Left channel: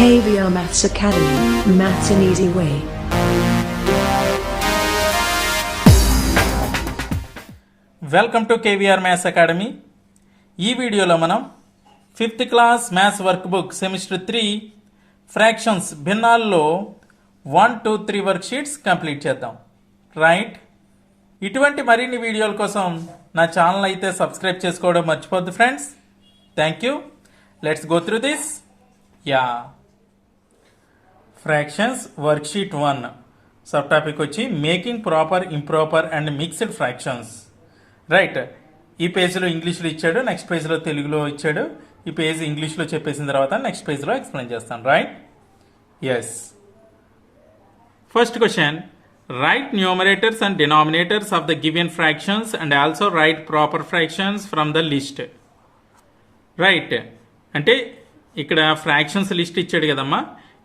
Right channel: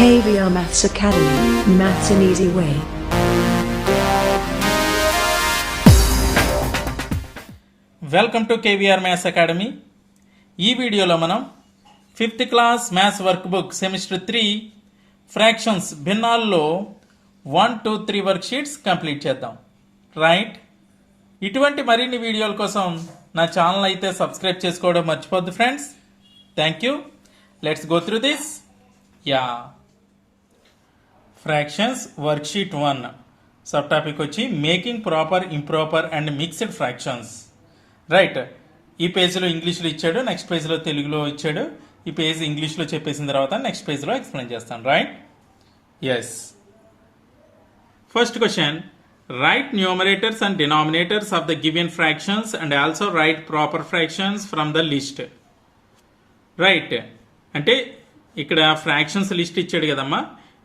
KVR Maths Academy, Maths an Easy Way. Welcome to KVR maths academy. ఈ వీడియోలో మనం 5th class maths work book semester 3 fractions భిన్నాల్లో 1, 2, 3 work sheets complete చేద్దాం. Right, ఇటువంటి మరిన్ని వీడియోల కోసం నా ఛానల్ అయితే సబ్స్క్రైబ్ చేసుకోవడం మర్చిపోద్దు friends. Thank you. Let's go through this. Fractions work sheet 1 sub topic వచ్చి making proper, improper and mixed fractions. Right, ఈ పేజ్లో ఇంగ్లీష్లో ఇచ్చాడు, నెక్స్ట్ పేజ్లో తెలుగులో ఇచ్చాడు. ఈ పేజ్ ఇంగ్లీష్లో చెప్పేసిన తర్వాత నెక్స్ట్ పేజ్లో ఎక్స్ప్లెయిన్ చేస్తాను. Right, yes. First question, write numerators and denominators of the given fractions and also write proper fractions from the list. Right, అంటే ఇక్కడ ఫ్రాక్షన్స్ లిస్ట్ ఇచ్చాడు కదమ్మా.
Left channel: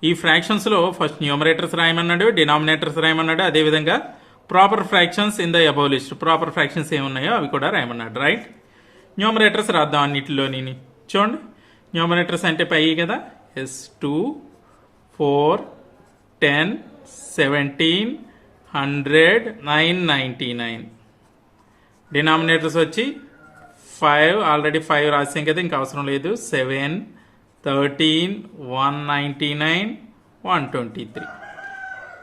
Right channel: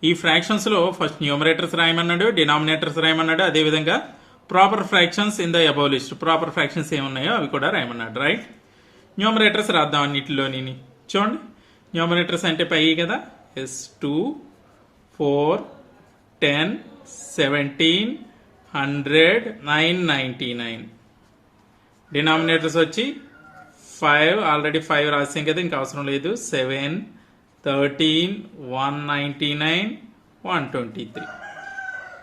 ఈ ఫ్రాక్షన్స్లో ఫస్ట్ న్యూమరేటర్స్ రాయమన్నాడు, డినామినేటర్స్ రాయమన్నాడు, అదేవిధంగా proper fractions in the above list. Proper fractions ఏమున్నాయో అవి కూడా రాయమన్నాడు. రైట్, న్యూమరేటర్స్ రాద్దాం అన్నిటిలోని. చూడండి, న్యూమరేటర్స్ అంటే పై కదా, ఎస్ 2, 4, 10, 17, 100, 999. డినామినేటర్స్ వచ్చి 5, ఆల్రెడీ 5 రాసాం కదా, ఇంకా అవసరం లేదు. 7, 13, 199, 123.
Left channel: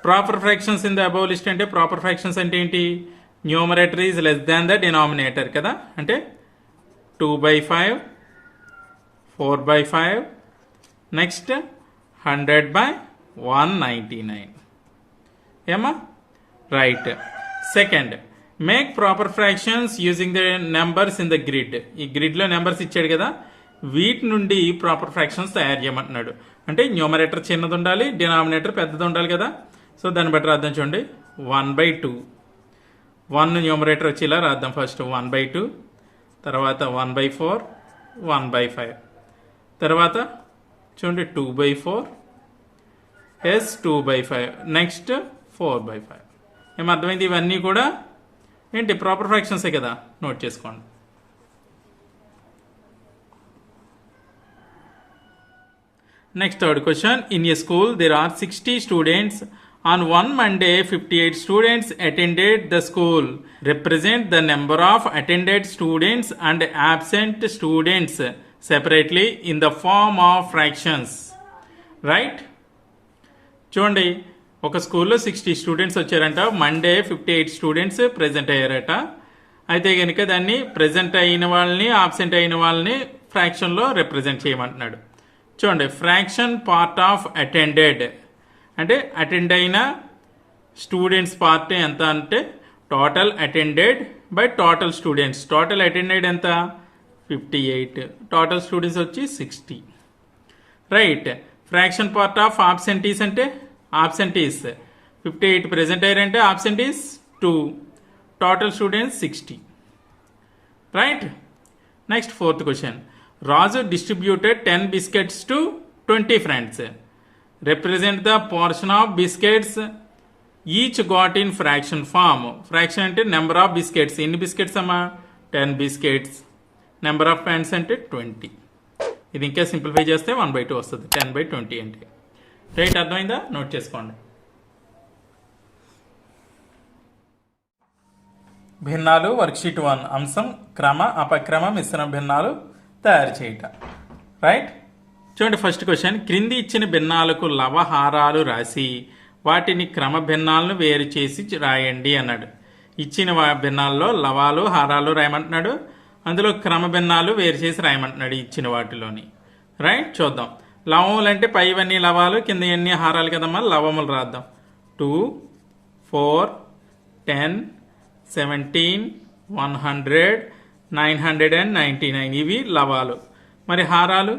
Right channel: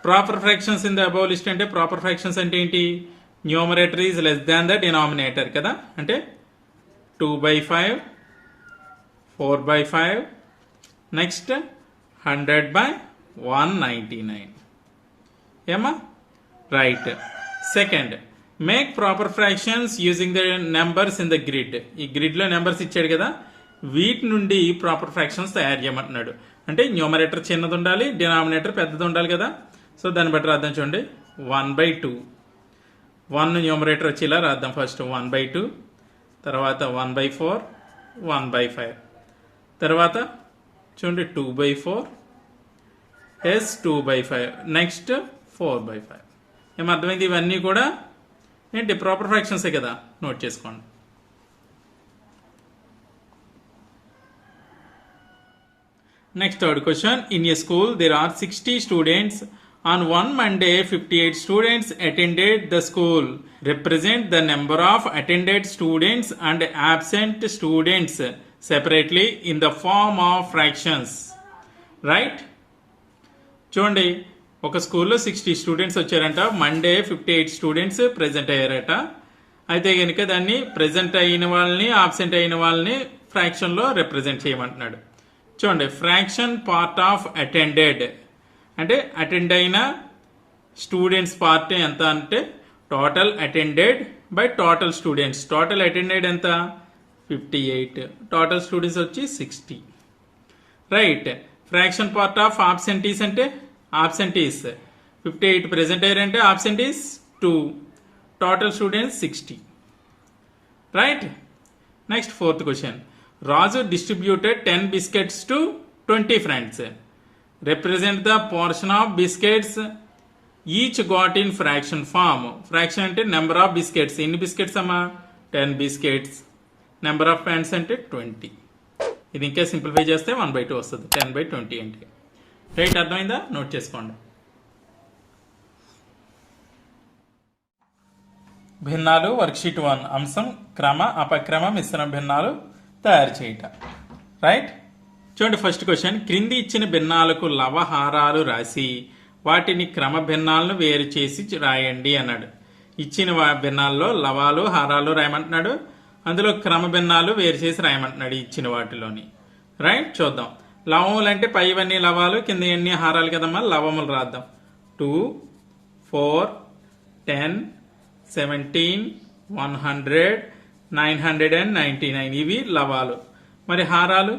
Proper fractions in the above list అంటే ప్రాపర్ ఫ్రాక్షన్స్ అంటే ఏంటి? Numerator is less than the denominator కదా, అంటే 2/5, 4/5, నెక్స్ట్ 100/199. ఏమా? Right. Second, make proper fractions using the numbers in the grid. ఈ గ్రిడ్ లో నెంబర్స్ ఇచ్చాడు కదా, వీటి నుండి ప్రాపర్ ఫ్రాక్షన్స్ తయారు చేయమంటున్నాడు. అంటే న్యూమరేటర్ చిన్నది ఉండాలి, డినామినేటర్ పెద్దది ఉండాలి కదా. సో దాన్ని బట్టి రాద్దాం. చూడండి, 1/2. 1 న్యూమరేటర్ వచ్చి ఇలా రాద్దాం. ఫస్ట్ 1/2, తర్వాత 1/4, 1/5, తర్వాత చూడండి 2/4, ఎస్ 2/5, నెక్స్ట్ 4/5. ఏమర్థమైంది? ఇవన్నీ కూడా ఏంటి? ప్రాపర్ ఫ్రాక్షన్సే కదా, నోట్ చేసుకోండి. Next, third question. In a school, there are 60 students. On one Monday, 58 students attended the school. Represent the number of attended students and absent students separately in the form of fractions. Right? చూడండి, ఒక స్కూల్లో 60 students వచ్చారంట. Monday 58 students present అయ్యారట. అయితే కనుక దాన్ని present అయిన వాళ్ళని, ఆబ్సెంట్ అయిన వాళ్ళని ఫ్రాక్షన్లో రిప్రజెంట్ చేయమంటున్నాడు. చూడండి, ఫ్రాక్షన్ పార్ట్ ఆఫ్ అటెండెడ్ అంటే అటెండ్ అయిన స్టూడెంట్స్ పార్ట్ ఎంత అంటే total attended by total students. Total attended ఎంత? 58. టోటల్ స్టూడెంట్స్ వచ్చి 60. Right, fraction part of absentees అంటే ఆబ్సెంటీస్ 58 ప్రెజెంట్ అయ్యారంటే absentees 2. Total students 60. Right, next fourth question. Raju distributed 10 biscuits to 20 friends. Represent the portion of biscuits each got in fraction form. Fraction అంటే number of biscuits. ఎన్ని biscuits అమ్మా? 10 biscuits. Number of friends అంటే 20. ఇది ఇంకా simplify చేస్తే 1/2 వస్తుంది. 10/20 అంటే. Right, అర్థమైందా? నోట్ చేసుకోండి. భిన్నాలు వర్క్షీట్ 1 అంశం క్రమ, అపక్రమ, మిశ్రమ భిన్నాలు తయారు చేయట. రైట్, చూడండి ఫస్ట్ క్వశ్చన్. క్రింది ఇచ్చిన భిన్నాలకు లవహారాలు రాసి వాటిని క్రమ భిన్నాలను వేరు చేసి రాయండి అన్నాడు. ఇచ్చిన భిన్నాల్లో లవాలు, హారాలు రాయమంటున్నాడు. అందులో క్రమ భిన్నాలు వేరు చేసి రాయమంటున్నాడు ఇచ్చిన వాటిలోని. రైట్, చూద్దాం. లవములు అంటే పైవన్నీ లవాలు, కింద ఎన్ని హారాలు కదమ్మా. లవములు రాద్దాం. 2, 4, 10, 17, 100, 999. ఇవి లవాలు. మరి హారాలు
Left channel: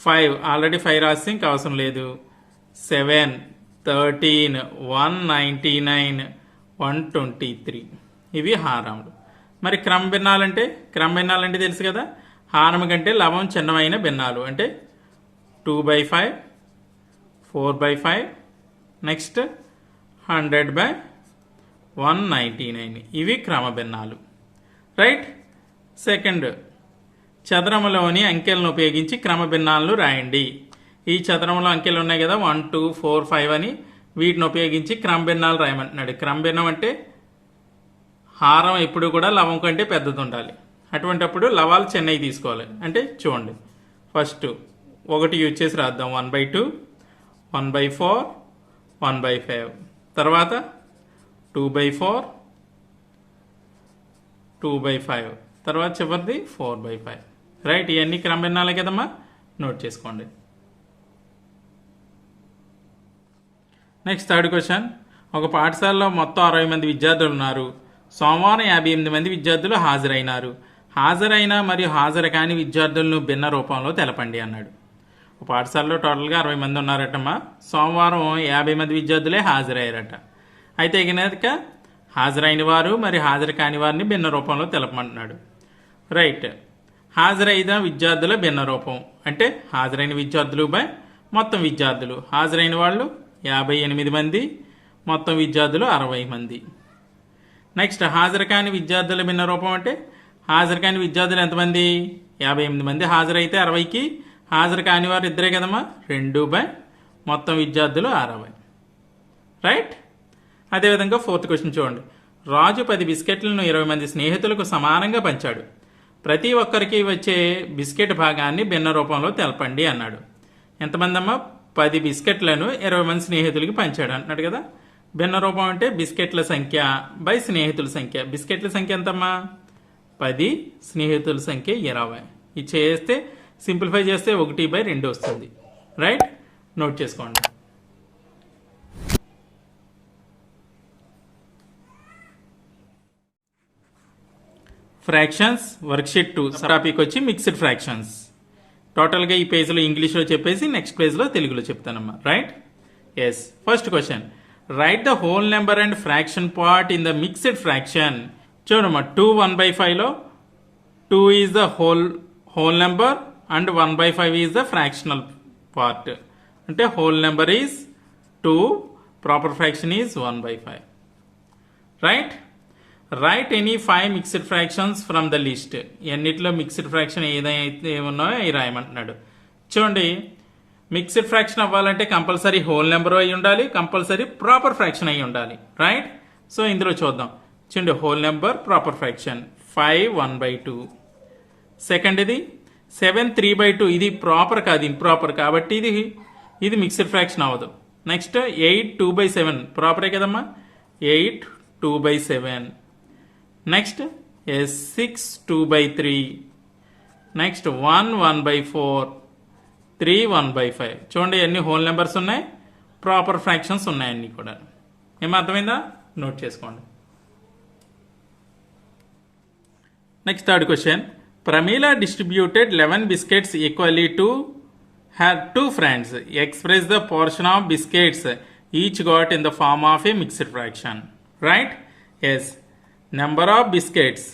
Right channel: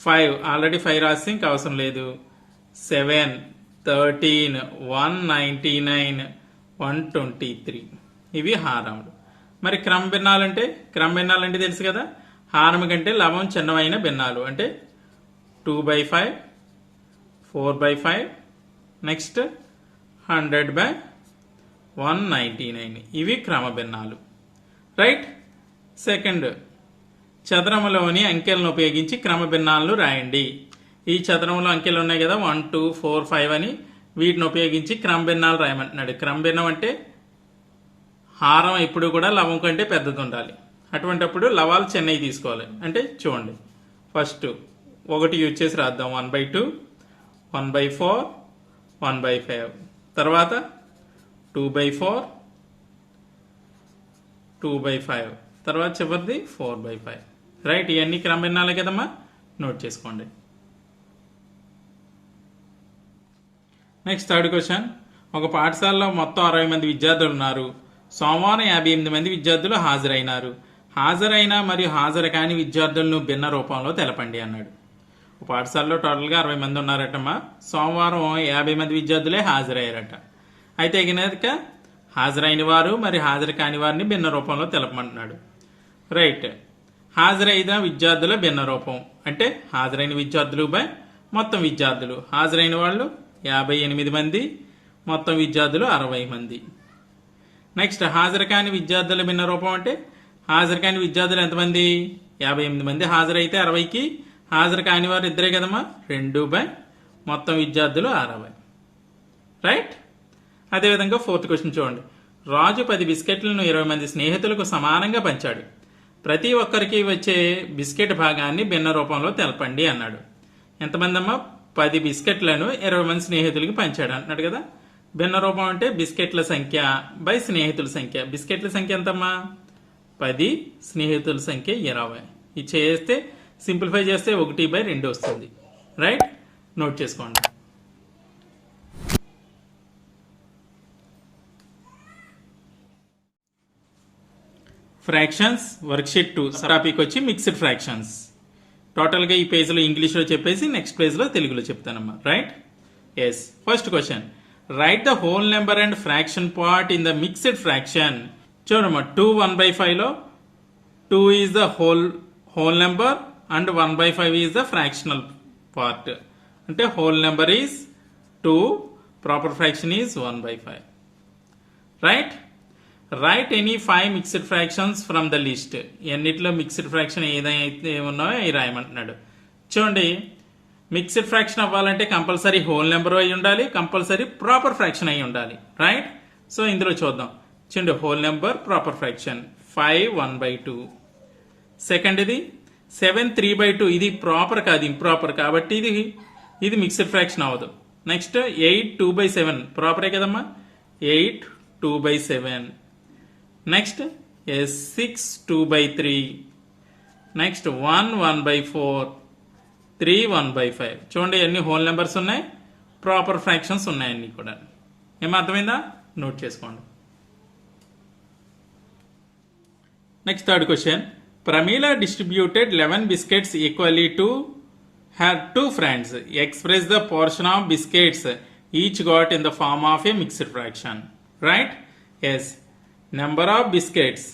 5, ఆల్రెడీ 5 రాసి ఇంకా అవసరం లేదు. 7, 13, 199, 123. ఇవి హారములు. మరి క్రమ భిన్నాలంటే తెలుసు కదా, హారము కంటే లవం చిన్నమైన భిన్నాలు అంటే 2/5, 4/5, నెక్స్ట్ 100/199. ఇవి క్రమ భిన్నాలు. రైట్, సెకండ్, చదరములోని అంకెలను ఉపయోగించి క్రమ భిన్నాలను రాయండి. ఈ చదరంలో అంకెలు ఉన్నాయి కదా 1 2 4 5 అని, వీటిని ఉపయోగించి క్రమభిన్నాలు రాయమంటున్నాడు. క్రమభిన్నం అంటే హారం ఎప్పుడు కూడా లవం కంటే పెద్దది ఉండాలి. అటువంటప్పుడు లవాలు చిన్నవి తీసుకోవాలి. అంటే చూడండి, ఫస్ట్ 1 యూజ్ చేసి రాద్దాం. 1/2, 1/4, 1/5, తర్వాత 2/4, 2/5, తర్వాత చివరిది 4/5. రైట్, ఇవన్నీ క్రమభిన్నాలే కదమ్మా, నోట్ చేసుకోండి. Next third question. ఒక పాఠశాలలో మొత్తం 60 మంది విద్యార్థులు ఉన్నారు. సోమవారం 58 మంది విద్యార్థులు హాజరైనారు. హాజరైన మరియు హాజరు కాని విద్యార్థులను భిన్న రూపంలో తెలపండి అన్నాడు. ఒక పాఠశాలలో టోటల్గా 60 మంది ఉన్నారటమ్మా. సోమవారం 50 మంది విద్యార్థులే హాజరయ్యారట. అయితే కనుక హాజరైన వారు మరి హాజరు కాని వారిని భిన్న రూపంలో తెలపమంటున్నాడు. రైట్, హాజరైన విద్యార్థుల భిన్న రూపం అంటే హాజరైన విద్యార్థులు బై మొత్తం విద్యార్థులు. హాజరైన వాళ్ళు 58 మంది, మొత్తం విద్యార్థులు 60 మంది. నెక్స్ట్ హాజరు కాని విద్యార్థుల భిన్న రూపం అంటే హాజరు కాని విద్యార్థులు ఎంతమంది? 58 మంది హాజరైతే 60కి హాజరు కాని వారు ఇద్దరే కదమ్మా, 2 బై మొత్తం విద్యార్థులు 60. రైట్. అదేవిధంగా ఫోర్త్ క్వశ్చన్ చూడండి. రాజు 10 బిస్కెట్లను 20 మంది స్నేహితులకు సమానంగా పంచాడు. ప్రతి ఒక్కరికి వచ్చే బిస్కెట్ భాగాన్ని భిన్న రూపంలో తెలపండి అన్నాడు. ఎంతమంది అమ్మా? 10 బిస్కెట్లను 20 మంది స్నేహితులకి పంచాడు అంటున్నాడు కదా. భిన్న రూపం అంటే బిస్కెట్ల సంఖ్య బై స్నేహితుల సంఖ్య. బిస్కెట్ల సంఖ్య ఎంతమ్మా? 10, స్నేహితుల సంఖ్య 20. ఇది చేస్తే సింప్లిఫై చేస్తే 1/2 వస్తుంది. రైట్, నోట్ చేసుకోండి. ఫ్రాక్షన్స్ వర్క్షీట్ 2 టాపిక్ వచ్చి మిక్స్డ్ ఫ్రాక్షన్స్. టోటల్గా ఈ పేజ్లో ఇంగ్లీష్లో చెప్పేసి నెక్స్ట్ పేజ్లో తెలుగులో చెప్తానమ్మా. Right, yes. First question, right the whole number and fraction part in the mixed fraction. చూడమ్మా, 2 1/5లో 2 is the whole number and 1/5 is the fractional part. అంటే whole number is 2, proper fraction is 1/5. Right. Right any 5 mixed fractions from the list. ఎన్నిట్లో mixed fraction ఏదైతే ఉన్నాయో అవి రాయమంటున్నాడు. చూడండి, mixed fraction అవ్వాలంటే compulsory whole number అయి ఉండాలి, కంపల్సరీ ప్రాపర్ ఫ్రాక్షన్ అయి ఉండాలి. రైట్. సో ఇందులో చూద్దాం. చూడండి, whole number proper fraction 5 1/2. Second ఇది 7 3/2. ఇది ప్రాపర్ కాదు, ఇంప్రాపర్, కాబట్టి ఇది మిక్స్డ్ ఫ్రాక్షన్ అవ్వదు. నెక్స్ట్ 8 2/7 ప్రాపరే కదమ్మా, 8 2/7. నెక్స్ట్ 6 2/3. నెక్స్ట్ 1 1/4, 3 1/5. చూడండి, ఎన్ని హోల్ నెంబర్స్ ఉన్నాయి, ప్రాపర్ ఫ్రాక్షన్స్ ఉన్నాయి అన్ని కూడా. ఏమో అర్థమైందా? నోట్ చేసుకోండి. Next third question. Pramila distributed 11 biscuits equally to her 2 friends. Express the portion of biscuits each got in the form of a mixed fraction. Right? Yes. Number of biscuits.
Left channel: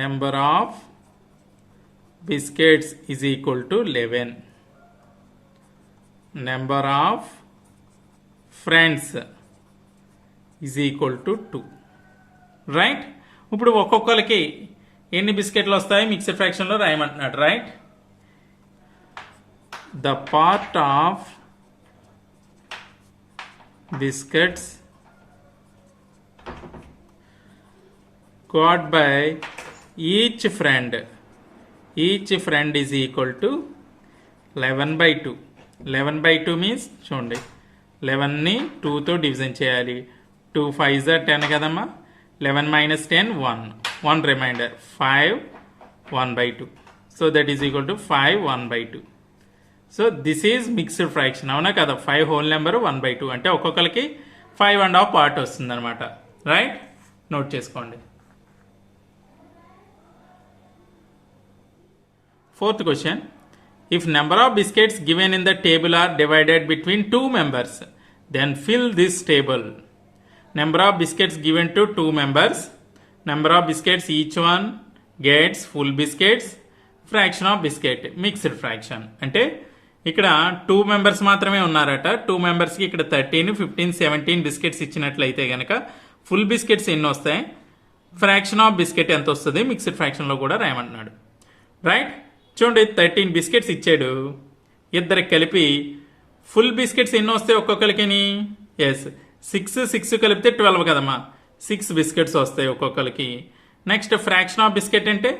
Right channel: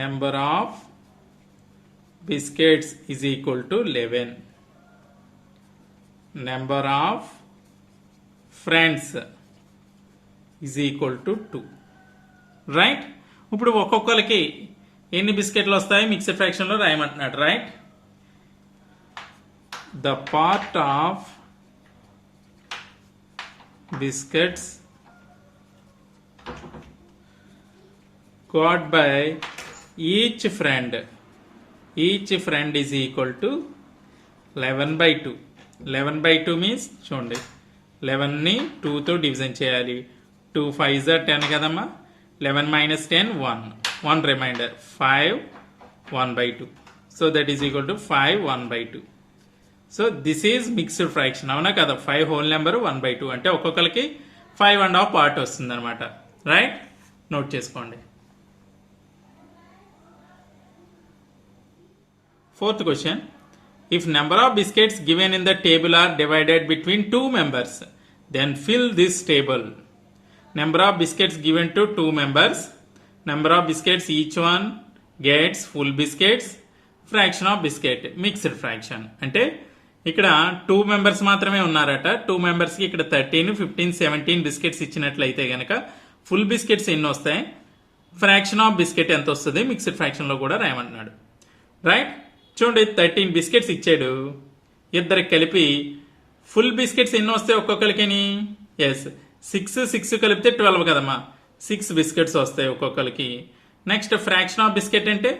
Number of biscuits is equal to 11. Number of friends is equal to 2. Right? ఇప్పుడు ఒక్కొక్కరికి ఎన్ని బిస్కెట్లు వస్తాయి mixed fraction లో రాయమంటున్నాడు. Right. The part of biscuits got by each friend is equal to 11/2. 11/2 means చూడండి, 11ని 2తో డివిజన్ చేయాలి. 2 5s are 10 కదమ్మా. 11 minus 10 1 remainder 5 1/2. So that is equal to 5 1/2. So this is mixed fraction. అవునా కదా? 5 హోల్ నెంబర్ 1/2 అంటే ఒక్కొక్కరికి 5.5 పార్ట్ వస్తుంది అనమాట. రైట్, నోట్ చేసుకోండి. Fourth question. If number of biscuits given in the table are divided between 2 members, then fill this table. Number of biscuits given to 2 members. Number of biscuits each one gets full biscuits. Fraction of biscuit. Mixed fraction. అంటే ఇక్కడ 2 members మాత్రమే ఉన్నారట. 2 members కి ఇక్కడ 13 15 17 biscuits ఇచ్చినట్లయితే గనక full biscuits ఎన్ని వస్తాయి, ఫ్రాక్షన్ ఆఫ్ బిస్కెట్ ఎంత వస్తుంది మిక్స్డ్ ఫ్రాక్షన్ లో కూడా రాయమంటున్నాడు. రైట్. చూడండి, 13 బిస్కెట్స్ ఇచ్చాడు. ఇద్దరికి కలిపి ఫుల్ బిస్కెట్స్ ఎన్ని వస్తాయి ఒక్కొక్కరికి? ఎస్, 6 కలిపితే 12 కదమ్మా, 6 బిస్కెట్స్ వస్తాయి ఒక్కొక్కరికి. నెక్స్ట్ ఫ్రాక్షన్ ఆఫ్ బిస్కెట్ అంటే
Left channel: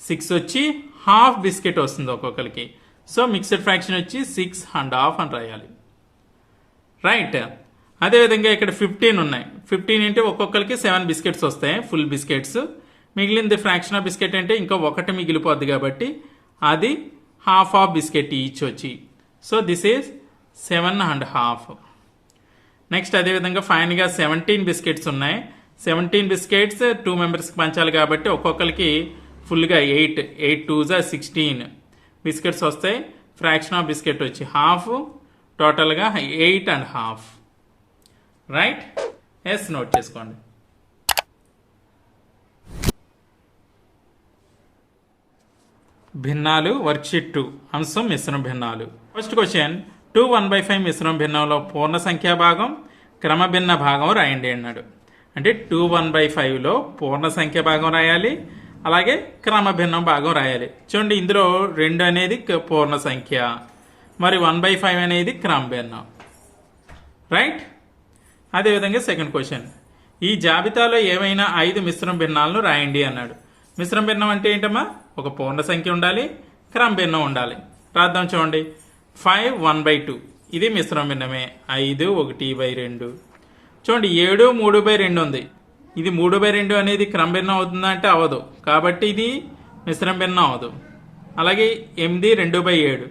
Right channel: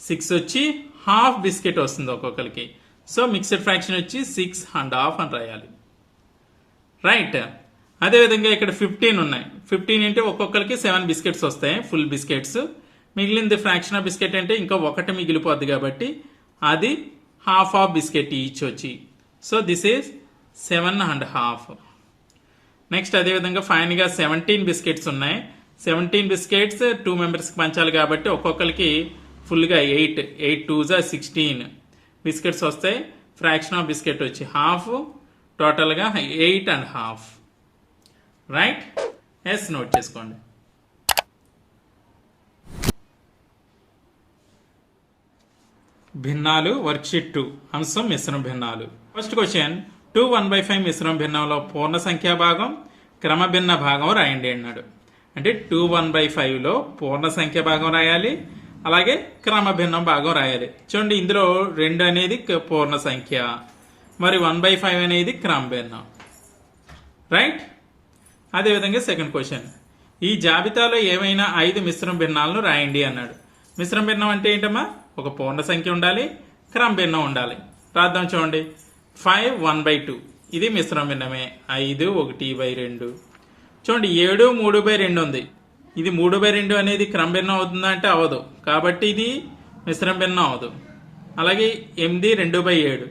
6 వచ్చి హాఫ్ బిస్కెట్ వస్తుంది ఒక్కొక్కరికి. సో మిక్స్డ్ ఫ్రాక్షన్ వచ్చి 6½ అని రాయాలి. రైట్. అదేవిధంగా ఇక్కడ 15 ఉన్నాయి. 15 అంటే ఒక్కొక్కరికి 7 బిస్కెట్స్ వస్తాయి ఫుల్ బిస్కెట్స్. మిగిలింది ఫ్రాక్షన్ ఆఫ్ బిస్కెట్ అంటే ఇంకా ఒకటి మిగిలిపోద్ది కాబట్టి అది హాఫ్ ఆఫ్ బిస్కెట్ ఈచ్ వచ్చి. సో దిస్ ఈజ్ 7½ నెక్స్ట్ అదేవిధంగా ఫైన్గా 17 బిస్కెట్స్ ఉన్నాయి. 17 బిస్కెట్స్ 2 మెంబర్స్కి పంచాలి కాబట్టి ఒక్కొక్కరికి ఫుల్గా 8 2s 16 బిస్కెట్స్ వస్తాయి. ఫ్రాక్షన్ ఆఫ్ బిస్కెట్ వచ్చి హాఫ్, టోటల్గా 8½ రైట్. ఎస్, నోట్ చేసుకోండి. భిన్నాలు వర్క్షీట్ 2 అంశం మిశ్రమ భిన్నాలు. ఫస్ట్ క్వశ్చన్ 2 1/5 మిశ్రమ భిన్నంలో పూర్ణ సంఖ్యా భాగం క్రమభిన్న భాగం రాయండి అన్నాడు. అంటే 2 1/5లో పూర్ణ సంఖ్య భాగం రాయాలి, అలాగే క్రమభిన్నం భాగం రాయాలి. చూడండి, ఇందులో 2 అనేది పూర్ణ సంఖ్య, మరి 1/5 అనేది క్రమభిన్నం. రైట్. అదేవిధంగా సెకండ్ క్వశ్చన్, ఈ జాబితాలో ఏమైనా 5 మిశ్రమ భిన్నాలను రాయండి అన్నాడు. మిశ్రమ భిన్నం అంటే ఏంటమ్మా? ఒక పూర్ణ సంఖ్య ఉండాలి, క్రమ భిన్నం ఉండాలి. రాద్దాం. చూడండి, 5 1/2 ఇది మిశ్రమ భిన్నమే. 5 1/2. చూడండి, 7 3/2 ఉంది. ఇది 3/2 అనేది క్రమ భిన్నం అవుతుందా అంటే అవ్వదు, కాబట్టి ఇది మిశ్రమ భిన్నం అవ్వదు. అలాగే 8 2/7.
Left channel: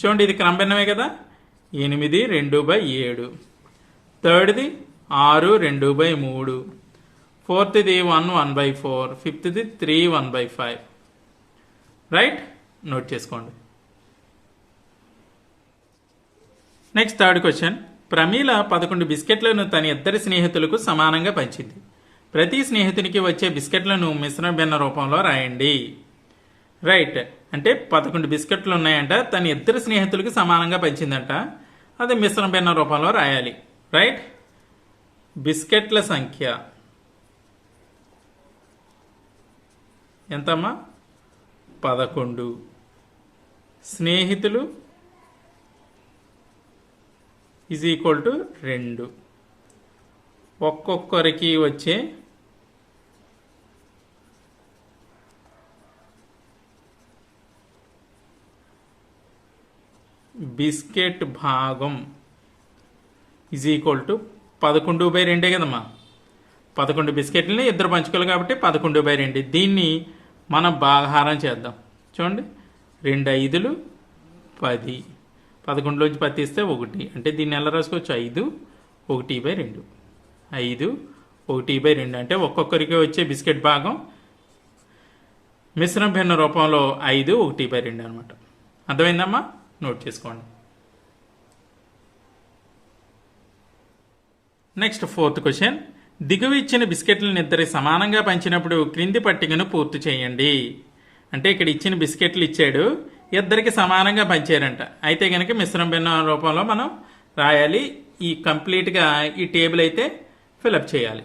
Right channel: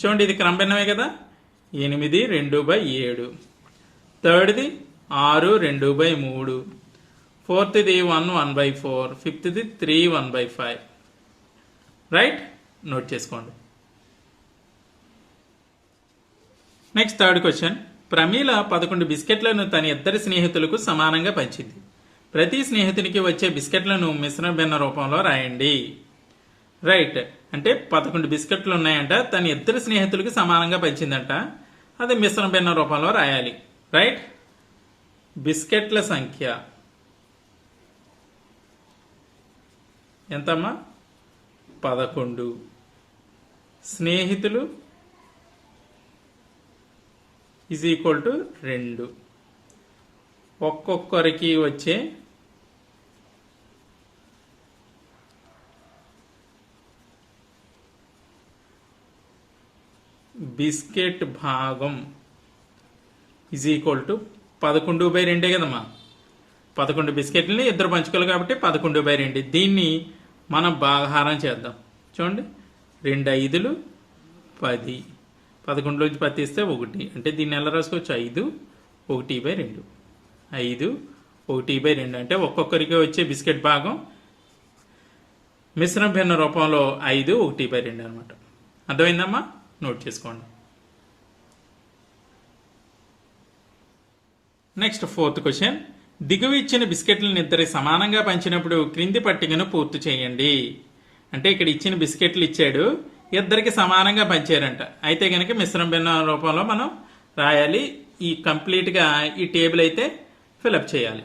చూడండి, ఇది క్రమ భిన్నమే కదా. 8 2/7. థర్డ్ది 6 2/3. ఫోర్త్ది 1 1/4. ఫిఫ్త్ది 3 1/5. రైట్. నోట్ చేసుకోండి. నెక్స్ట్ థర్డ్ క్వశ్చన్, ప్రమీల 11 బిస్కెట్లను తన ఇద్దరి స్నేహితులకు సమానంగా పంచింది. ప్రతి స్నేహితునికి వచ్చే బిస్కెట్లను మిశ్రమ భిన్న రూపంలో రాయండి. రైట్. అంటే 11 బిస్కెట్లు ఉన్నాయంట, తన ఇద్దరు స్నేహితులకు సమానంగా పంచిందంట. అది మిశ్రమ భిన్న రూపంలో రాయాలి. రైట్. బిస్కెట్ల సంఖ్య ఎంతమ్మా? 11. స్నేహితులు ఈజ్ ఈక్వల్ టు 2. ఒక్కొక్కరికి వచ్చే బిస్కెట్ భాగం ఈజ్ ఈక్వల్ టు 11/2 కదమ్మా. 11 బిస్కెట్లని ఇద్దరు పంచుకోవాలి కాబట్టి 11/2. దీన్ని మనం భాగాహారం చేద్దాం. చూడండి, 2 5లు 10. 11లోంచి 10 తీస్తే 1. అంటే దీన్ని ఎలా రాసుకోవచ్చు? 5 1/2. 5 1/2 అంటే ఒక్కొక్కరికి వచ్చే బిస్కెట్ భాగం మిశ్రమ భిన్న రూపంలో 5 1/2 అనమాట. అర్థమైందమ్మా? నోట్ చేసుకోండి. నెక్స్ట్ ఫోర్త్ క్వశ్చన్, దిగువ ఇచ్చిన బిస్కెట్లను ఇద్దరికి సమానంగా పంచినప్పుడు క్రింది పట్టికను పూర్తి చేయండి. అంటే ఇక్కడ ఇచ్చిన బిస్కెట్లు ఇచ్చాడు, ఇద్దరికి సమానంగా పంచారంట. అయితే కనుక మిశ్రమ భిన్న రూపంలో మనం రాయాలి. ఈ కంప్లీట్గా ఈ టేబుల్ అయితే ఫిలప్ చేయాలి.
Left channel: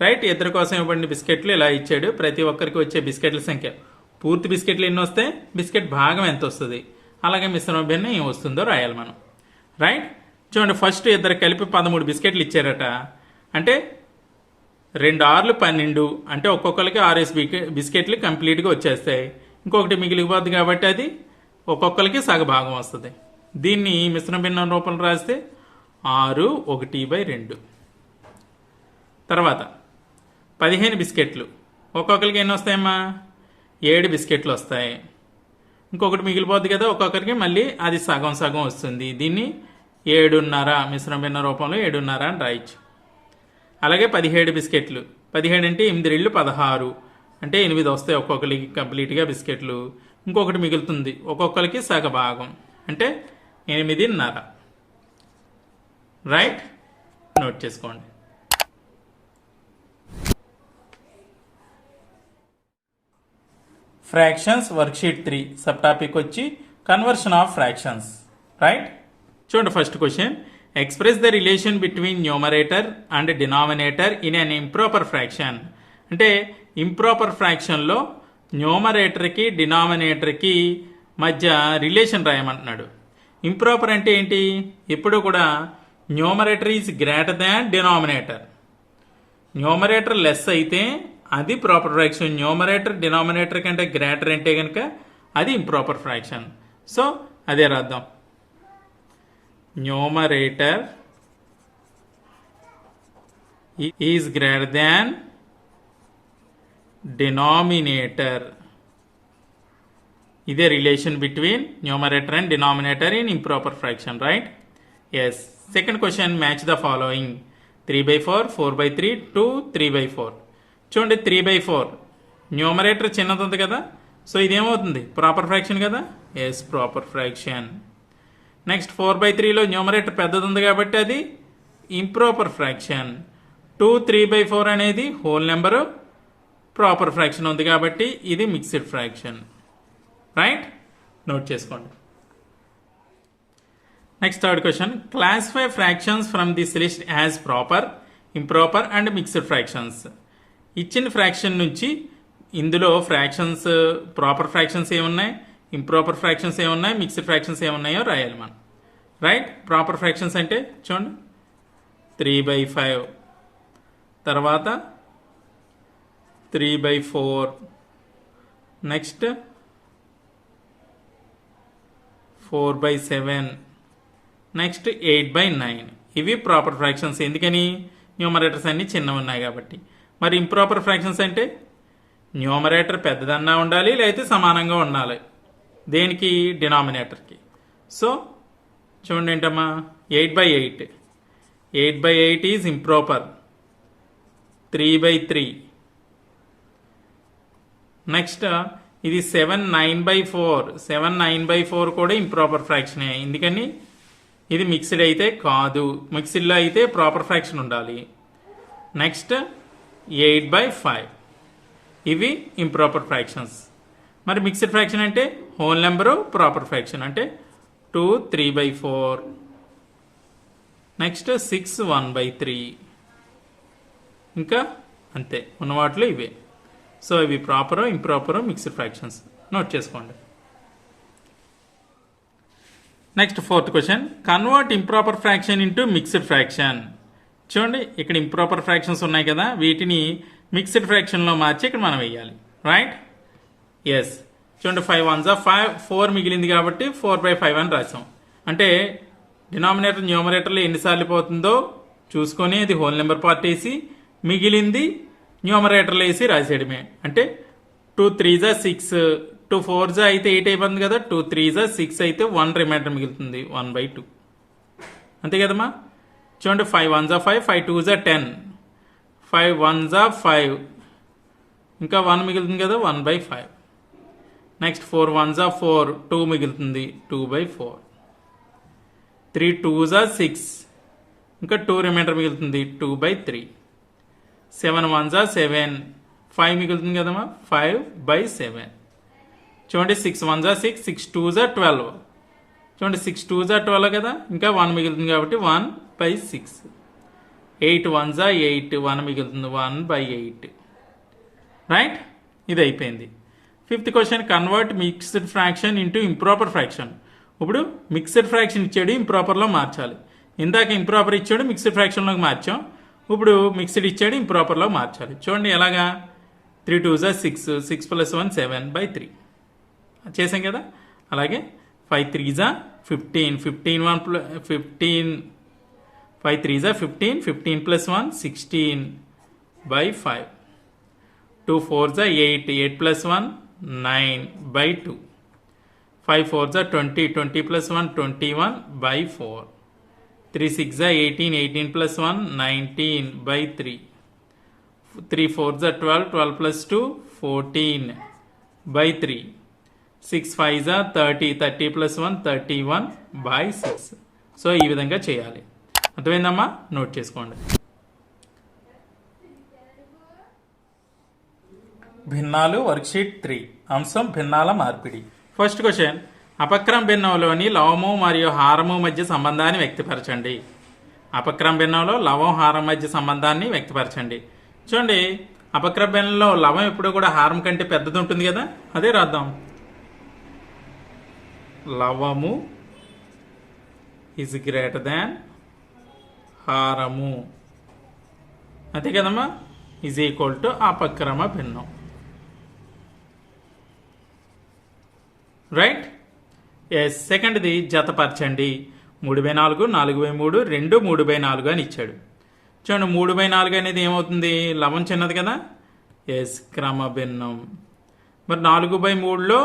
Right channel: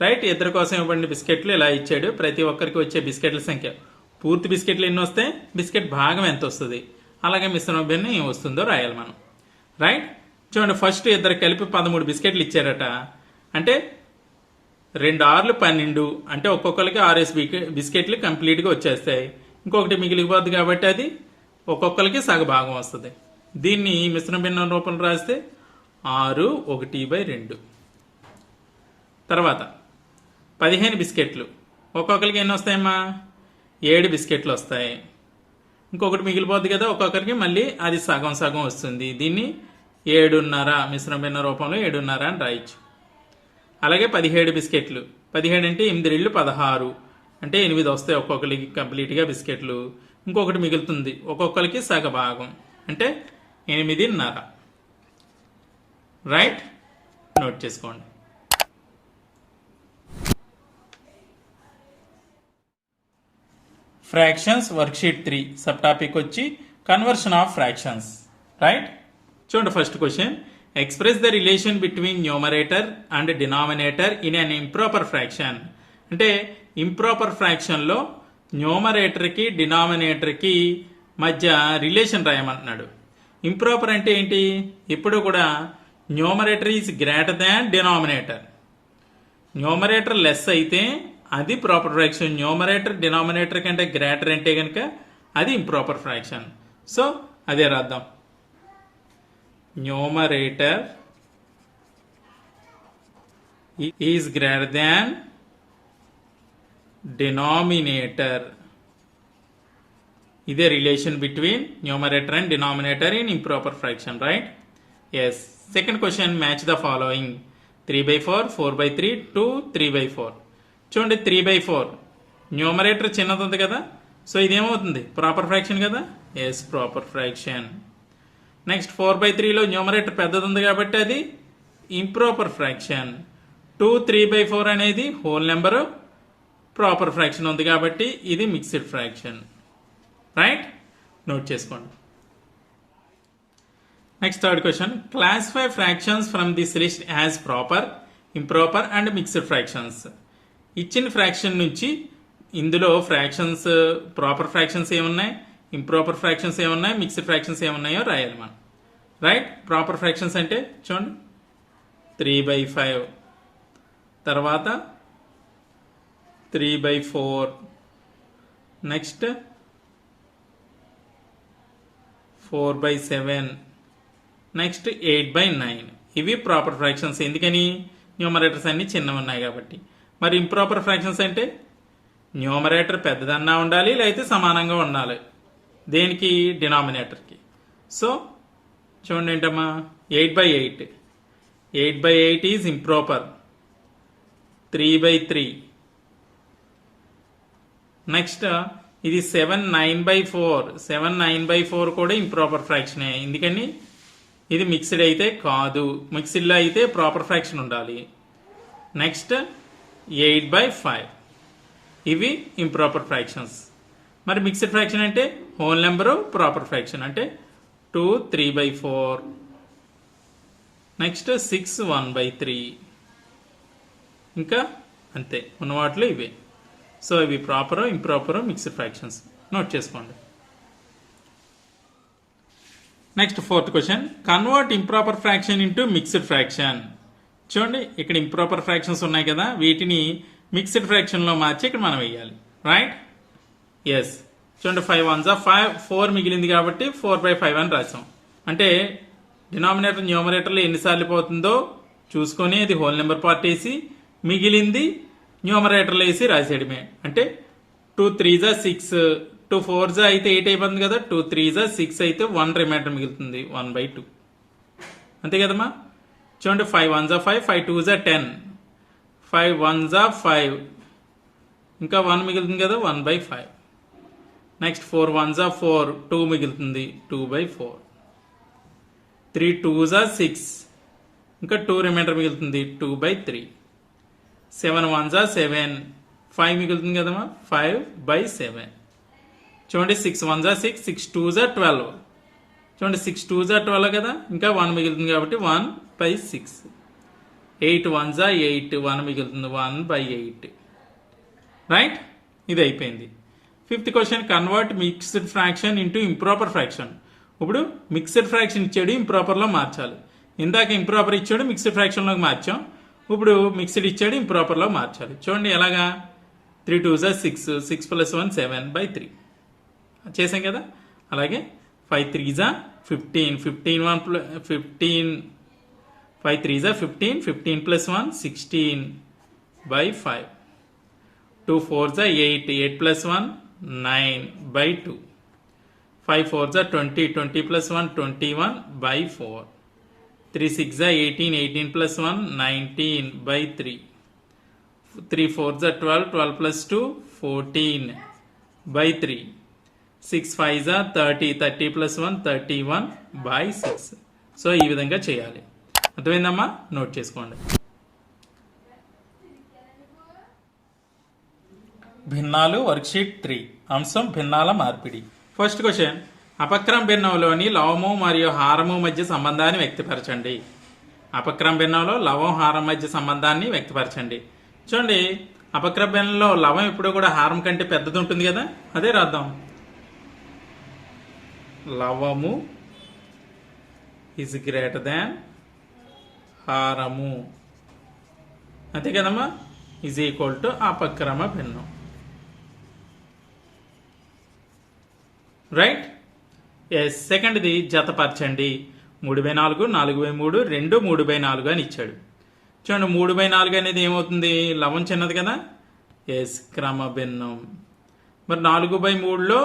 రైట్. ఇద్దరి కోసం ఇవ్వబడిన బిస్కెట్లు ఇలా ఇచ్చాడు. ప్రతి ఒక్కరికి వచ్చే బిస్కెట్ల సంఖ్య, పూర్తి బిస్కెట్లు ఎన్ని వస్తాయి, బిస్కెట్ భాగం ఎంత వస్తుంది, అలాగే మిశ్రమ భిన్నం ఏం వస్తుందో రాయాలి మనం. రైట్. చూడండి, ఫస్ట్ ఇద్దరు కలిపి 13 బిస్కెట్లు ఇచ్చారట. అంటే 2 6లు 12. అంటే ఒక్కొక్కరికి 6 బిస్కెట్లు కంప్లీట్గా వచ్చేస్తాయి. ఇంకొకటి మిగిలిపోద్ది కాబట్టి అది ఒక్కొక్కరికి సగభాగం వస్తుంది. దీన్ని మిశ్రమ భిన్నం రూపంలో రాస్తే 6 1/2. తర్వాత 15 బిస్కెట్లు. ఒక్కొక్కరికి ఎన్ని వస్తాయమ్మా? 7 బిస్కెట్లు వస్తాయి. ఇంకొకటి మిగిలిపోద్ది కదా, ఒక్కొక్కరికి మళ్ళీ అది సగం సగం వస్తుంది. దీన్ని 7.5 మిశ్రమ భిన్న రూపంలో 7.5 అని రాయొచ్చు. అలాగే 17 బిస్కెట్లు. 17 అంటే 8 2 16. అంటే 8 వస్తాయి ఒక్కొక్కరికి కంప్లీట్గా బిస్కెట్లు. ఇంకొకటి మిగులుతుంది, ఒక్కొక్కరికి సగ భాగం అంటే 8.5. రైట్. నోట్ చేసుకోండి. ఫ్రాక్షన్స్ వర్క్షీట్ 3 సబ్ టాపిక్ వచ్చి కన్వర్షన్ ఆఫ్ ఫ్రాక్షన్స్. రైట్. చూడండి, first question, express the relation between numerator and denominator in an improper fraction. అంటే ఇంప్రాపర్ ఫ్రాక్షన్లో న్యూమరేటర్కి డినామినేటర్కి మధ్య రిలేషన్ రాయమంటున్నాడు. ఇంప్రాపర్ అంటే ఏంటి? ఎప్పుడు కూడా numerator is greater than denominator. Numerator less అయితే అది ప్రాపర్ ఫ్రాక్షన్. న్యూమరేటర్ డినామినేటర్ కంటే గ్రేటర్ అంటే కనుక అది ఇంప్రాపర్ ఫ్రాక్షన్. సో అదే రాద్దాం. Numerator is greater than denominator. ఇదే relation between numerator and denominator in improper fraction, right? Yes. Second question, match the following. 3/4, 4/3, 2, 3/4. చూడండి 3/4 న్యూమరేటర్ చిన్నది ఉంది కదా, సో ఇదేమవుతుంది? ప్రాపర్ ఫ్రాక్షన్ కదా. Yes, proper fraction. నెక్స్ట్ 4/3లో న్యూమరేటర్ పెద్దది ఉంది కాబట్టి అది ఇంప్రాపర్ ఫ్రాక్షన్. 2, 3/4 అనేది హోల్ నెంబరు, ప్రాపర్ ఫ్రాక్షన్ ఉంది కాబట్టి ఇది మిక్స్డ్ ఫ్రాక్షన్, రైట్? నోట్ చేసుకోండి. Next third question, classify fractions from this list as proper, improper and mixed fractions. ఇచ్చిన ఫ్రాక్షన్ నుంచి ఇందులో ఫ్రాక్షన్స్, ప్రాపర్ ఫ్రాక్షన్స్ ఏమున్నాయి, ఇంప్రాపర్ ఫ్రాక్షన్స్ ఏమున్నాయి, మిక్స్డ్ ఫ్రాక్షన్స్ ఏమున్నాయో రాయాలి మనం, రైట్? ప్రాపర్ ఫ్రాక్షన్స్ అంటే చూడండి 3/5, తర్వాత 3/4, నెక్స్ట్ 4/7, నెక్స్ట్ 8/9. ఇవి ప్రాపర్ ఫ్రాక్షన్స్. ఎందుకని? న్యూమరేటర్స్ అన్ని చిన్నవి ఉన్నాయి కాబట్టి. మరి ఇంప్రాపర్ ఫ్రాక్షన్స్ అంటే న్యూమరేటర్ పెద్దదన్నా ఉండాలి, లేకపోతే సమానంగా ఉండాలి. దేనికి? డినామినేటర్కి. సో చూడండి ఏంటమ్మా, 8/8. 8/8 ఈజ్ ఇంప్రాపర్. 3/3. నెక్స్ట్ ఇది 7 9/4. 7 9/4 కూడా ఇంప్రాపర్ ఫ్రాక్షనే. ఎందుకని? ఇది మిక్స్డ్ అయితే కాదు. మిక్స్డ్లో అయితే ప్రాపర్ ఫ్రాక్షన్ ఉండాలి. నెక్స్ట్ 8/5. ఇవి ఇంప్రాపర్ ఫ్రాక్షన్స్. మరి మిక్స్డ్ ఫ్రాక్షన్ అంటే హోల్ నెంబరు, ప్రాపర్ ఫ్రాక్షన్ అంటే 2 3/4. నెక్స్ట్ 6 1/3. ఇంకా అంతే ఉన్న వాటిలో ఇవే. సో ఇవి proper, improper, mixed fractions. Note చేసుకోండి. Next fourth question, convert improper fraction into mixed fraction. చూడండి ఇక్కడ ఇంప్రాపర్ ఫ్రాక్షన్స్ ఉన్నాయి కదా, వీటిని మిక్స్డ్ ఫ్రాక్షన్లో మార్చి ఇక్కడ మనం వేయాలి, రైట్? ఎస్. చూడండి 5 1s 5, 4 మిగిలింది కాబట్టి 4/5 అని రాసాం. అంటే డినామినేటర్ న్యూమరేటర్లో ఎన్నిసార్లు పోతుందో చూసుకొని అది హోల్ నెంబర్ పార్ట్ వేసి మిగిలింది న్యూమరేటర్లో వేసి రాసేయడమే. అంటే 2 3s 6, 2 4s అయితే 8 అయిపోతుంది కదా, 2 3s 6 అయితే 1 రిమైండర్ మిగులుతుంది 1/2. అంతే కదమ్మా. చూడండి 5 1s 5, 5 2s 10, 5 1s 5, ఇంకా 1 మిగులుతుంది కదా 1/5. నెక్స్ట్ 4 1s 4, 2 మిగులుతుంది 2/4. 3 2s 6, ఇంకా 2 రిమైండర్ మిగులుతుంది 2/3. 7 1s 7, 5 మిగులుతుంది కదమ్మా 5/7. చూడండి 6 1s 6, 6 2s 12. చూడండి 6 2s 12 కదా, ఇంకా 1 మిగులుతుంది కాబట్టి 1/6. 8 1s 8, 1 మిగులుతుంది 1/8, రైట్? ఇది అయిపోయింది. Fifth question, convert mixed fraction into improper fraction. ఇప్పుడు మిక్స్డ్ ఫ్రాక్షన్ ఇచ్చాడు, ఇంప్రాపర్లో మార్చాలి. ఇందాక ఇంప్రాపర్ ఇచ్చాడు, మిక్స్డ్ ఫ్రాక్షన్లోకి మార్చాం. ఇప్పుడు మిక్స్డ్ ఇచ్చాడు, ఇంప్రాపర్లో మార్చాలి. చూడండి ఎలాగా, 3 2s 6, 6 + 1 7/3 చేసాం కదా. అలాగే 5 3s 15, 15 5 3s 15, 15 + 1 16/5. 2 4s 8, 8 + 1 9/2. 5 4s 20, 20 + 1 21/4. 3 6s 18, 18 + 1 19/3. 3 4s 12, 12 + 2 14/3. 6 5s 30, 30 + 1 31/6. So ఈ విధంగా చేయాలి. అర్థమైందమ్మా? నోట్ చేసుకోండి. భిన్నాలు వర్క్షీట్ 3, అంశం భిన్నాల మార్పిడి. ఫస్ట్ క్వశ్చన్, అపక్రమ భిన్నంలోని లవము మరియు హారము మధ్య సంబంధాన్ని వ్యక్తపరచండి. అపక్రమ భిన్నంలో లవం హారం మధ్య సంబంధాన్ని వ్యక్తపరచండి. చూడండి అపక్రమ భిన్నంలో లవం ఎప్పుడు కూడా హారం కంటే పెద్దది ఉంటుంది కదా, అదే రాద్దాం. లవము ఈజ్ గ్రేటర్ దాన్ హారము అంతే కదమ్మా, ఈజ్ ఈక్వల్ టు అపక్రమ భిన్నం. రైట్. ఎస్. సెకండ్ది జతపరచండి. 3/4, 4/3, 2 3/4 అని ఇచ్చాడు. చూడండి 3/4 అనేది ఏమవుతుంది, లవం చిన్నది కదా. ఎస్, క్రమ భిన్నం. మరి 4/3లో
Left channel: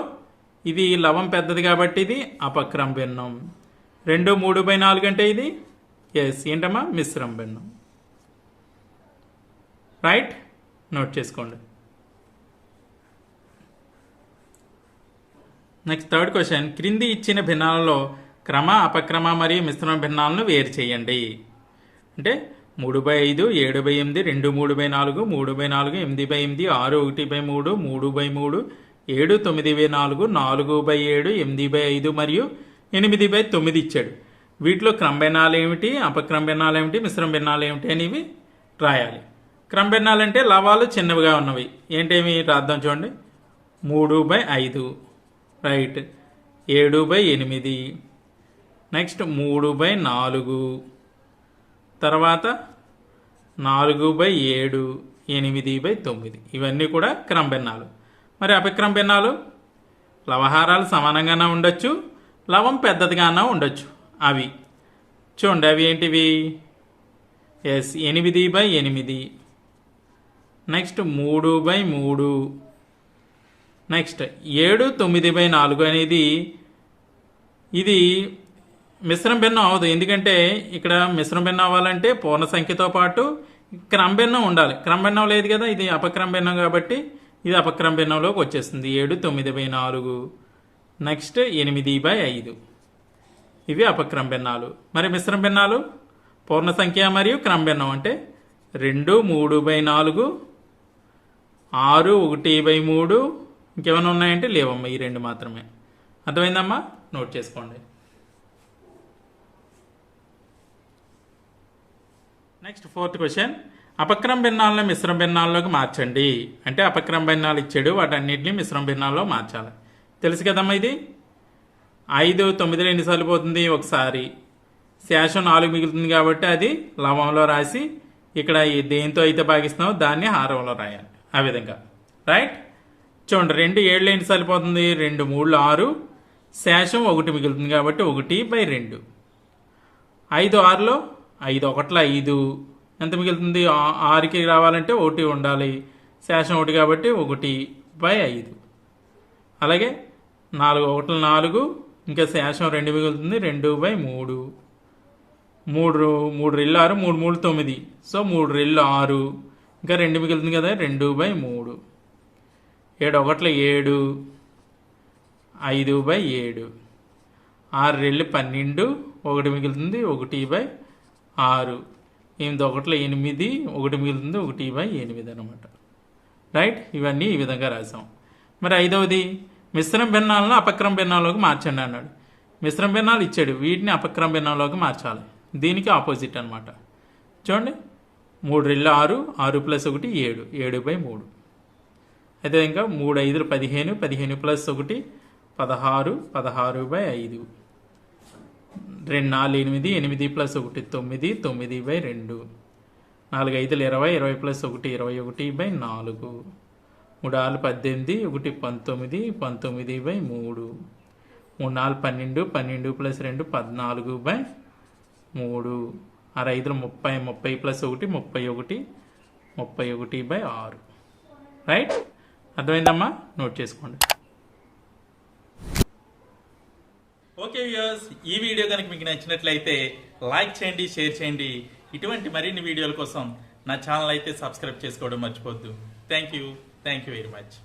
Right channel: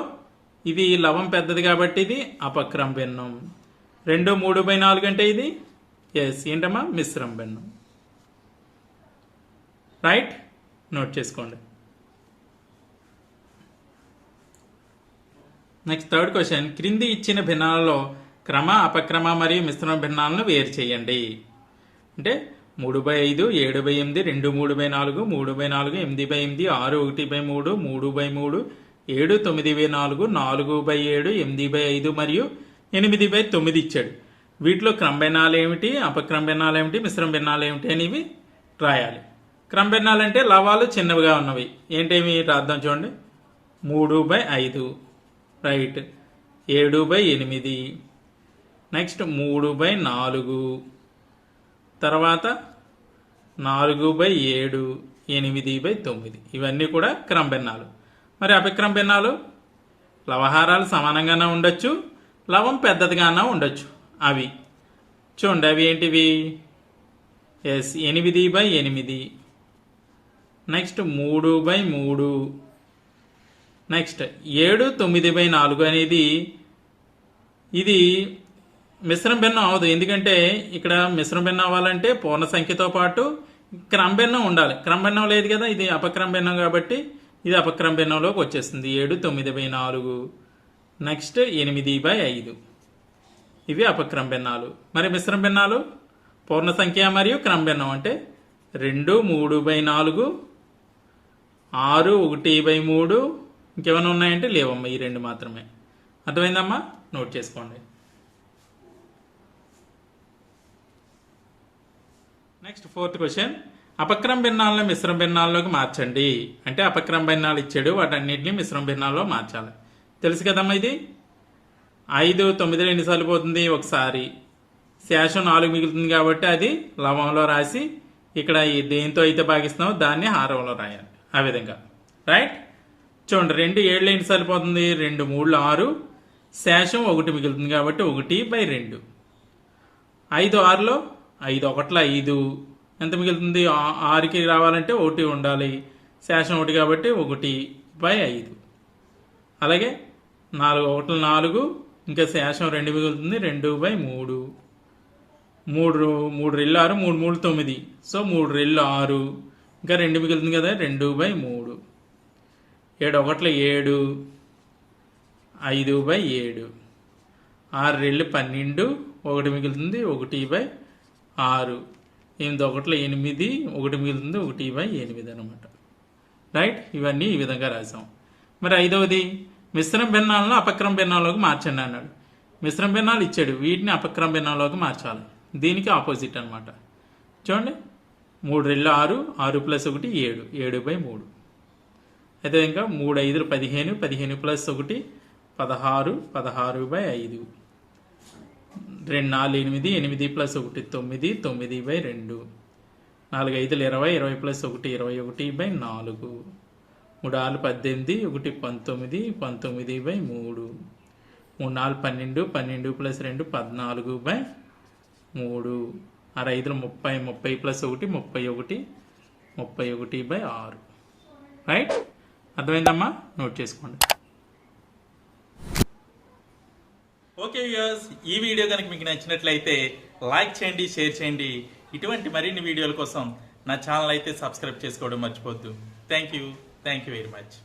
ఇది లవం పెద్దది కాబట్టి ఇది అపక్రమ భిన్నం. 2 3/4 అంటే ఇది ఎస్ ఏంటమ్మా, మిశ్రమ భిన్నం. రైట్, నోట్ చేసుకోండి. నెక్స్ట్ థర్డ్ క్వశ్చన్, క్రింది ఇచ్చిన భిన్నాలలో క్రమ, అపక్రమ మరియు మిశ్రమ భిన్నాలను వేరు చేయండి. అంటే 3/5, 7/8, 2 3/4, 3/4, 8/8, 6 1/3, 3/3, 7 9/4, 4/7, 8/5 మరియు 8/9 ఇచ్చాడు. వీటిలో క్రమ భిన్నాలు ఏమిటి, అపక్రమ భిన్నాలు ఏమిటి, మిశ్రమ భిన్నాలు ఏమిటి అనేవి రాయాలి. క్రమ భిన్నాలు అంటే లవాలు చిన్నవిగా ఉన్నవి. ఏంటేమి రాద్దాం చూడండి. 3/5 రైట్, 7/8, నెక్స్ట్ 3/4, తర్వాత 4/7, 8/9 ఇవన్నీ కూడా క్రమ భిన్నాలు. మరి అపక్రమ భిన్నాలు లవహారాలు సమానంగానే ఉండొచ్చు, లవం పెద్దదిగానే ఉండొచ్చు. అవి చూడండి, అవి ఏంటివి. ఎస్, 8/8, నెక్స్ట్ 3/3, నెక్స్ట్ 7 9/4 అనేది ఇది మిశ్రమ భిన్నం అవదు. ఎందుకంటే ఇక్కడ మిశ్రమ భిన్నం అవ్వాలంటే పూర్ణ సంఖ్యతో పాటు క్రమ భిన్నం ఉండాలి. క్రమ భిన్నం లేదు కదా, ఇది అపక్రమ భిన్నం కాబట్టి ఇది అపక్రమ భిన్నంలోకి వచ్చేస్తుంది. 7 9/4, నెక్స్ట్ 8/5 ఇవి అపక్రమ భిన్నాలు. మరి మిశ్రమ భిన్నాలు పూర్ణ సంఖ్య మరియు క్రమ భిన్నం అంటే 2 3/4, 6 1/3, ఇంకేమైనా ఉన్నాయంటే లేవమ్మా, ఈ 2 మాత్రమే. అర్థమైందమ్మా, నోట్ చేసుకోండి. నెక్స్ట్ ఫోర్త్ క్వశ్చన్, అపక్రమ భిన్నాలను మిశ్రమ భిన్నాల్లోకి మార్చండి. అంటే అపక్రమ భిన్నాలు ఇచ్చాడు, వాటన్నిటిని మిశ్రమ భిన్నాల్లో మార్చాలి. తెలుసు కదమ్మా ఇది. 5 9లో ఎన్నిసార్లు పోతుంది, ఒకసారి. శేషం 4 మిగులుతుంది కాబట్టి అది లవంలో రాసి ఇక్కడ దేంతో అయితే భాగిస్తున్నామో దాన్ని హారంలో రాయాలి. ఆ విధంగా. రైట్. చూడండి 2 7లో ఎన్నిసార్లు పోతుంది, 2 3 6, శేషం 1 మిగులుతుంది కాబట్టి 1/2. 5 6లో 5 1 5 ఎంత మిగులుతుంది, 6కి రావాలంటే 1 ఉండాలి, శేషం 1 కాబట్టి 1/5. అలాగే 4 1 4, ఇంకా శేషం 2 మిగులుతుంది, 2/3. 3 3 6, 3 3 9, సో 3 6, ఇంకా 2 మిగులుతుంది కదా, 2/3. 7 1 7, 5/7. 6 2 12, 1 మిగులుతుంది, 1/6. 8 1 8, 1 మిగులుతుంది, 1/8 అనమాట. రైట్. ఇవన్నీ ఈ విధంగా రాసాం. మరి 5వది, మిశ్రమ భిన్నాలను అపక్రమ భిన్నాల్లోకి మార్చండి అన్నాడు. మిశ్రమ భిన్నాలు ఇచ్చాడు, వీటిని అపక్రమ భిన్నాల్లోకి మార్చాలి. దీనికి ఆపోజిట్ అనమాట. చూడండి 3 2 6, 6 + 1 7, 7/3. అయితే ఇంకా 3 5 15, 15 + 1 16, 16/5. 2 4 8, 8 + 1 9, 9/2. 4 5 20, 20 + 1 21/4. 3 6 18, 1 19, 19/3. 3 4 12, 12 + 2 14/3. 6 5 30, 30 + 1 31, 31/6. రైట్. అర్థమైందమ్మా, నోట్ చేసుకోండి. ఓకే వ్యూయర్స్, ఈ వీడియో కనుక మీకు నచ్చినట్లయితే లైక్ చేయండి, షేర్ చేయండి. ఇటువంటి మరిన్ని వీడియోల కోసం నా ఛానల్ అయితే సబ్స్క్రైబ్ చేసుకోవడం మర్చిపోద్దు. Thank you very much.